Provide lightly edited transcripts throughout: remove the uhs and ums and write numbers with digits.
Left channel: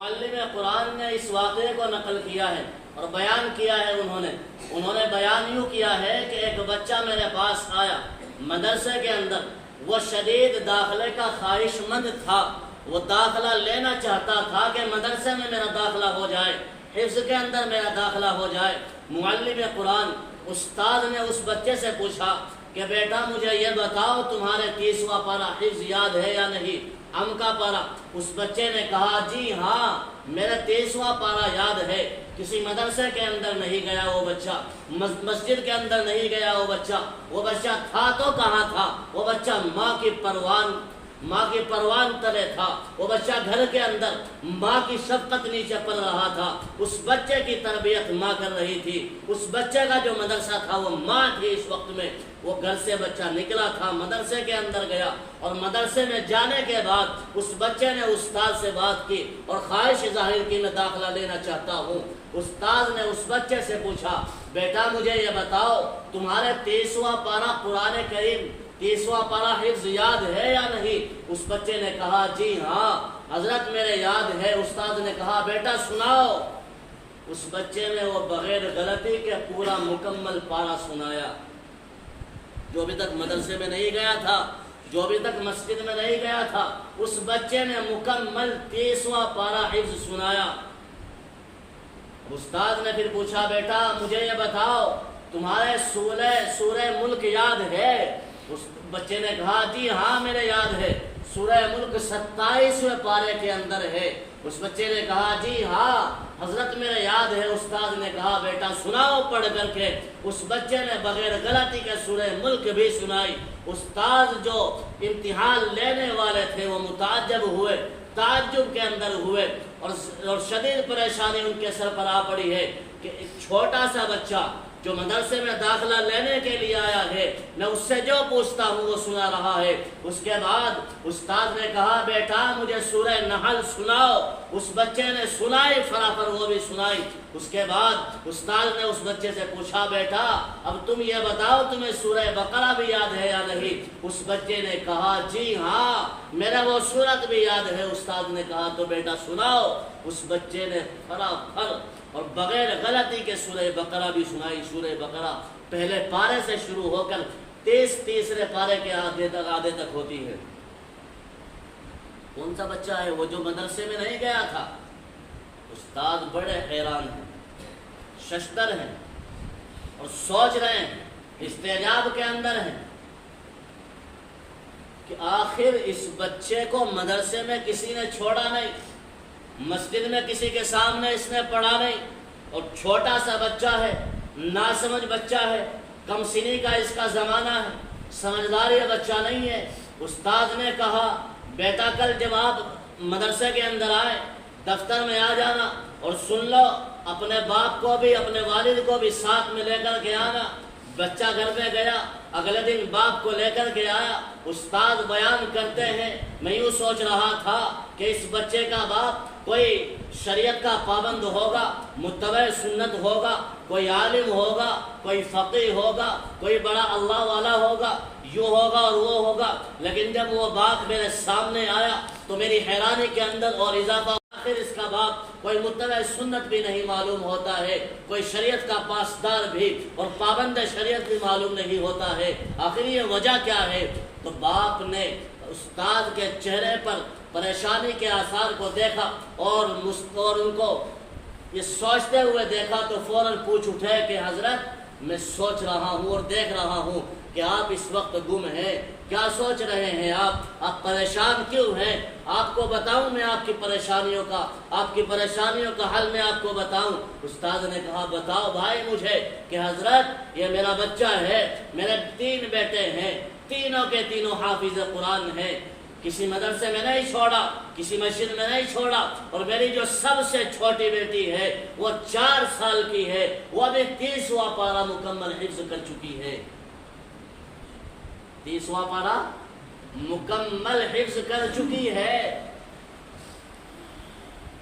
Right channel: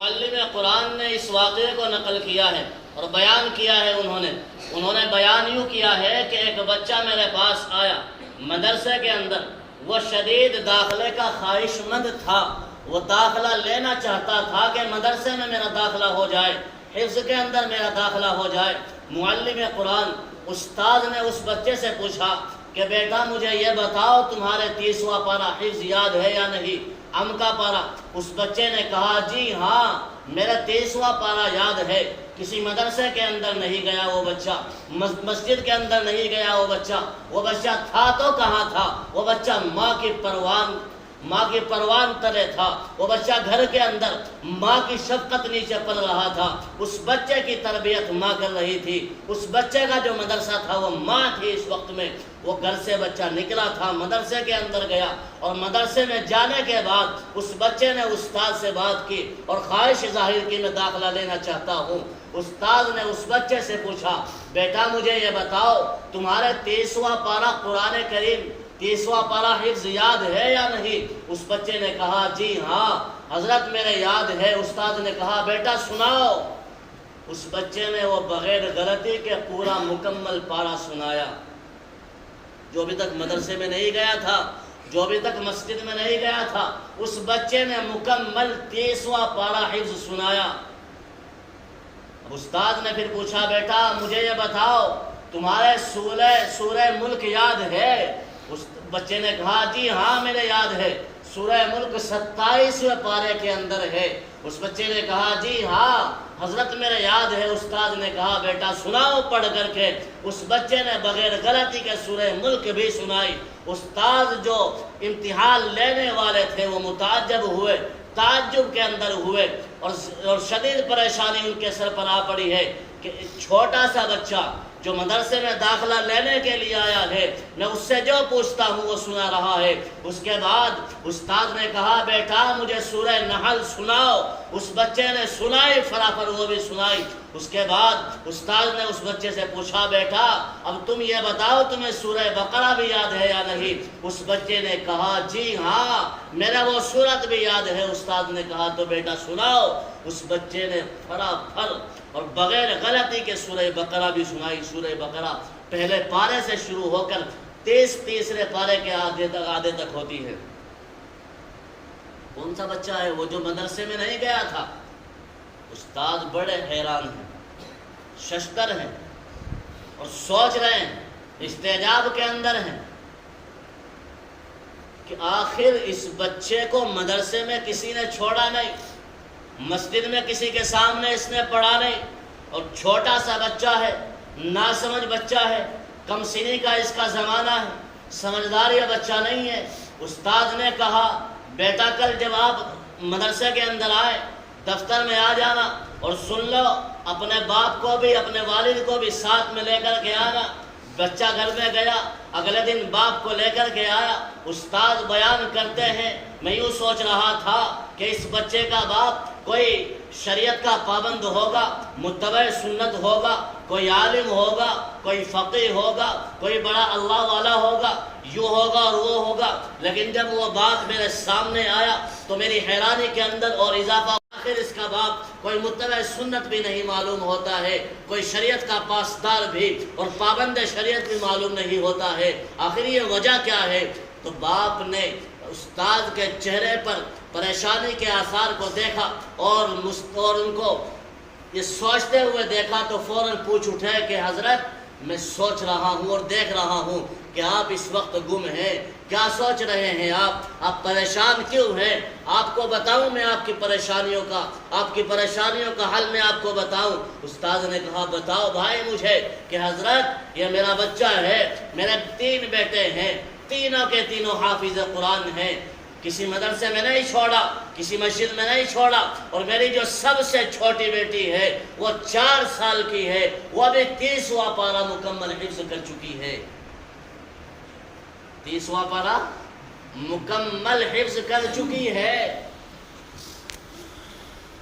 معلم قرآن نے اس واقعے کو نقل کیا ہے اور بیان کیا ہے۔ انہوں نے بیان یوں کیا ہے کہ ایک بچہ میرے پاس آیا مدرسے کے اندر، وہ شدید داخلے کا خواہش مند تھا، وہ داخلہ لینا چاہتا تھا کہ مدرسے میں میرا داخلہ ہو جائے، حفظ کے اندر میرا داخلہ ہو جائے۔ معلم قرآن استاد نے اس بچے سے پوچھا کہ بیٹا مجھے یہ بتاؤ تمہارے 30واں پارہ حفظ یاد ہے یا نہیں؟ کا پارہ۔ اس بچے نے کہا جی ہاں میرا 30واں پارہ یاد ہے۔ کسی مدرسے کے اندر نہیں گیا وہ بچہ، مسجد کے اندر نہیں گیا وہ بچہ تھا تو کہاں تھا؟ وہ بچہ ماں کی پروان تلے تھا۔ وہ بچہ گھر کے اندر ماں کی شفقت نیچے پل رہا تھا۔ اس بچے کی تربیت ماں کر رہی تھی۔ اس بچے کا جو مدرسہ تھا وہ ماں تھی۔ اس وقت میں وہ گھر سے بچہ نکلا تھا، مدرسے کے اندر گیا، اور مدرسے میں جانے کے بعد اس بچے نے استاد سے بات کی اور خواہش ظاہر کی میں داخلہ لینا چاہتا ہوں۔ استاد نے اس بچے سے پوچھا بیٹا مجھے یہ بتاؤ تمہارے 30واں پارہ قرآن کریم 30واں پارہ حفظ یاد ہے یا نہیں؟ اس بچے نے کہا جی ہاں حضرت میرے یاد ہے۔ استاد نے کہا بیٹا سناؤ۔ اس بچے نے وہ بغیر غلطی کے پورا مکمل پارہ سنایا۔ جو ابھی تک مدرسے میں نہیں گیا تھا، جو ابھی تک مسجد میں نہیں گیا تھا، اس بچے نے مکمل 30واں پارہ حفظ سنایا۔ استاد نے پھر پوچھا بیٹا مجھے یہ بتاؤ تمہارے سورہ ملک یاد ہے؟ اس بچے نے کہا جی ہاں میرے یاد ہے، سورہ ملک 27ویں پارے کے اندر ہے۔ اس بچے نے کہا جی ہاں حضرت میرے یاد ہے۔ استاد نے کہا بیٹا سناؤ پڑھ کر کے۔ اس بچے نے بغیر غلطی کے سورہ ملک بھی سنائی۔ استاد جو امتحان لینے والے تھے وہ متعجب ہوئے، تعجب کے اندر ہوئے، اور شدید پریشانی ان کے سر پر آ پڑی ہے کہ ایک چھوٹا سا بچہ جو مدرسے میں داخلہ لینے کے لیے آیا ہے، میں اس سے جو پوچھتا ہوں وہ سنا رہا ہے۔ اس کے بعد استاد نے کہا بیٹا مجھے سورہ نحل سناؤ۔ اس بچے نے سنائی، فرافر وہ بھی سنائی۔ اس کے بعد استاد نے اس بچے سے پوچھا بیٹا اب تم یہ بتاؤ تمہیں سورہ بقرہ بھی یاد ہے یا نہیں؟ اس بچے نے کہا جی ہاں میرا وہ سورت بھی یاد ہے۔ استاد نے کہا تو بیٹا سناؤ۔ اس بچے نے فرافر اور بغیر غلطی کے سورہ بقرہ بھی سنائی۔ سورہ بقرہ پہلے پارے سے شروع ہو کر تیسرے پارے کے آدھے تک ہوتی ہے۔ کون سا بچہ ہے وہ جو مدرسے میں نہیں گیا تھا؟ استاد بڑے حیران ہیں، ششدر ہیں، اور سوچ رہے ہیں، استعجاب کے اندر ہیں کہ آخر اس بچے کو مدرسے میں کسی نے چھوڑا نہیں، مسجد میں کسی کے سامنے اس نے پڑھا نہیں، اور چھوٹا سا بچہ ہے، ناسمجھ بچہ ہے، کم سنی کا اس کا زمانہ ہے، سمجھدار یہ بچہ نہیں ہے۔ استاد نے کہا بیٹا کل جب آپ مدرسے کے اندر آئے دفتر میں آ جانا اور سن لو، اپنے باپ کو بھی اپنے والد کو بھی ساتھ میں لے کر کے آنا۔ بچہ گھر میں گیا، اگلے دن باپ کو لے کر کے آیا۔ استاد بیان کرتے ہیں میں یوں سوچ رہا تھا کہ اس بچے کا باپ کوئی شریعت کا پابند ہوگا، متبع سنت ہوگا، کوئی عالم ہوگا، کوئی فقیہ ہوگا، کوئی بڑا اللہ والا ہوگا، یوں ہوگا اور وہ ہوگا۔ لیکن جب وہ بات میرے سامنے آیا تو میری حیرانی کے اندر اور اضافہ، آخر اس کا باپ کوئی متبع سنت بھی نہیں معلوم ہوتا ہے، کوئی شریعت کا پاسدار بھی اور پابند شریعت بھی معلوم نہیں ہوتا ہے۔ آخر یہ وجہ کیا ہے؟ تو باپ نے استاد کے چہرے پر پریشانی کے آثار کو دیکھا اور ان کو یہ سوچتے ہوئے دیکھا تو فوراً پوچھ اٹھے کہ حضرت میں سوچ رہا ہوں اور دیکھ رہا ہوں کہ آپ اس وقت گم ہیں، کیا سوچ رہے ہیں آپ پریشان کیوں ہیں؟ آپ کو بتاؤں میں آپ کی پریشانیوں کا حل میں آپ کو بتاؤں؟ استاد نے کہا بتاؤ بھائی مجھے کہ حضرت یہ میرا بچہ ہے، میرے 3 بیٹے ہیں، تینوں کے تینوں حافظ قرآن ہیں، کسی مدرسے میں نہیں چھوڑا، کسی مسجد میں نہیں چھوڑا، اور میری جو سب سے چھوٹی بیٹی ہے وہ 4 سال کی ہے، وہ ابھی 30واں پارہ مکمل حفظ کر چکی ہے۔ 30واں پارہ مکمل حفظ کر چکی ہے۔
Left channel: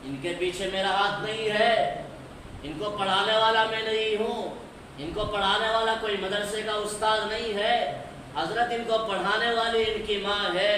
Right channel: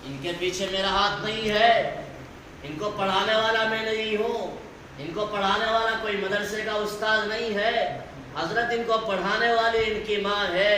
ان کے پیچھے میرا ہاتھ نہیں ہے، ان کو پڑھانے والا میں نہیں ہوں، ان کو پڑھانے والا کوئی مدرسے کا استاد نہیں ہے، حضرت ان کو پڑھانے والی ان کی ماں ہے۔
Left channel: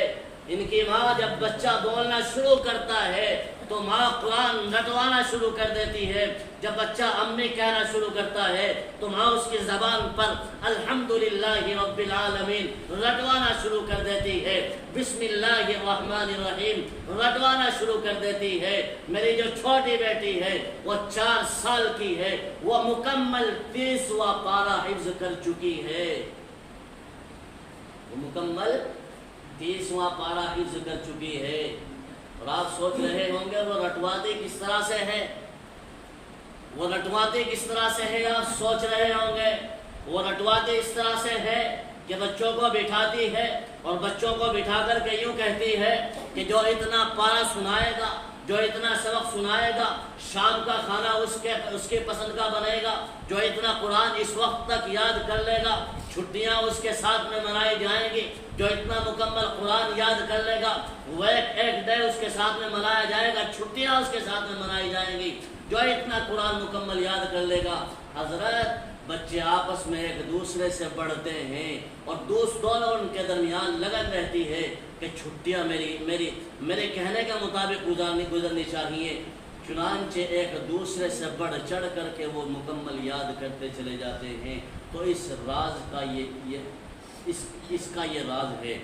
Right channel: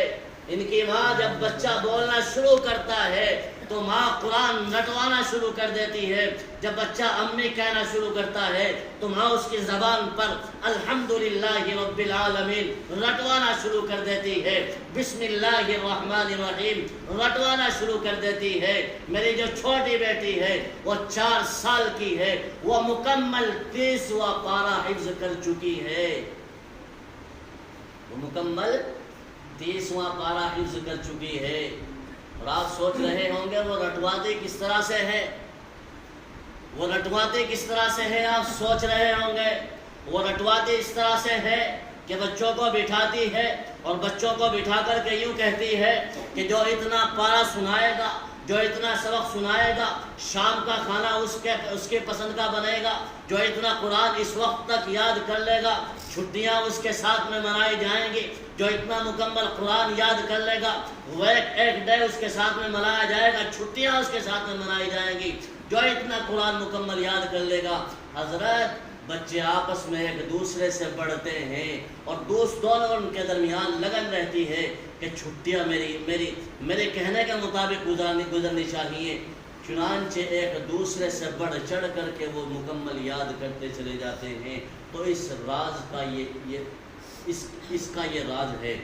ان کی ماں جب بچہ بولنا شروع کرتا ہے تو ماں قرآن رٹوانا شروع کر دیتی ہے. جب بچہ امی کہنا شروع کرتا ہے تو ماں اس کی زبان پر الحمدللہ رب العالمین رٹوانا شروع کر دیتی ہے. بسم اللہ الرحمن الرحیم رٹوانا شروع کر دیتی ہے. میری جو چھوٹی بیٹی ہے وہ 4 سال کی ہے، وہ مکمل 30واں پارہ حفظ کر چکی ہے. وہ مکمل 30واں پارہ حفظ کر چکی ہے. اور آپ سوچ رہے ہوں گے وہ رٹواتے کس طرح سے ہے، وہ رٹواتے کس طرح سے ہے. آپ سوچ رہے ہوں گے وہ رٹواتے اس طرح سے ہے کہ بچوں کو بٹھاتی ہے اور بچوں کو بٹھا کر کے یوں کہتی ہے کہ جو اتنا پارہ سنائے گا، جو اتنا سبق سنائے گا، شام کا کھانا اس کے پسند کا بنے گا، جو اتنا قرآن اس وقت تک یاد کر لے گا، چھٹیاں اس کے ساتھ میں منائی جائیں گی. جو اتنا مکمل قرآن یاد کر لے گا وہ ایک ڈے اس کے ساتھ میں منایا جائے گا، چھٹیاں اس کے ساتھ میں منائی جائیں گی. جو اتنا قرآن مکمل یاد کر لے گا. حضرت بچے آپس میں ایک دوسرے سے بڑھتے ہیں اور دونوں ان کے درمیان لگن رہتی ہے کہ چھٹیاں میرے کہنے کے مطابق گزرنی چاہیے. چنانچہ ایک دوسرے سے بڑھ چڑھ کر کے وہ مکمل یاد کرتے چلے جاتے ہیں. تو اس راز کا یہ راز ہے.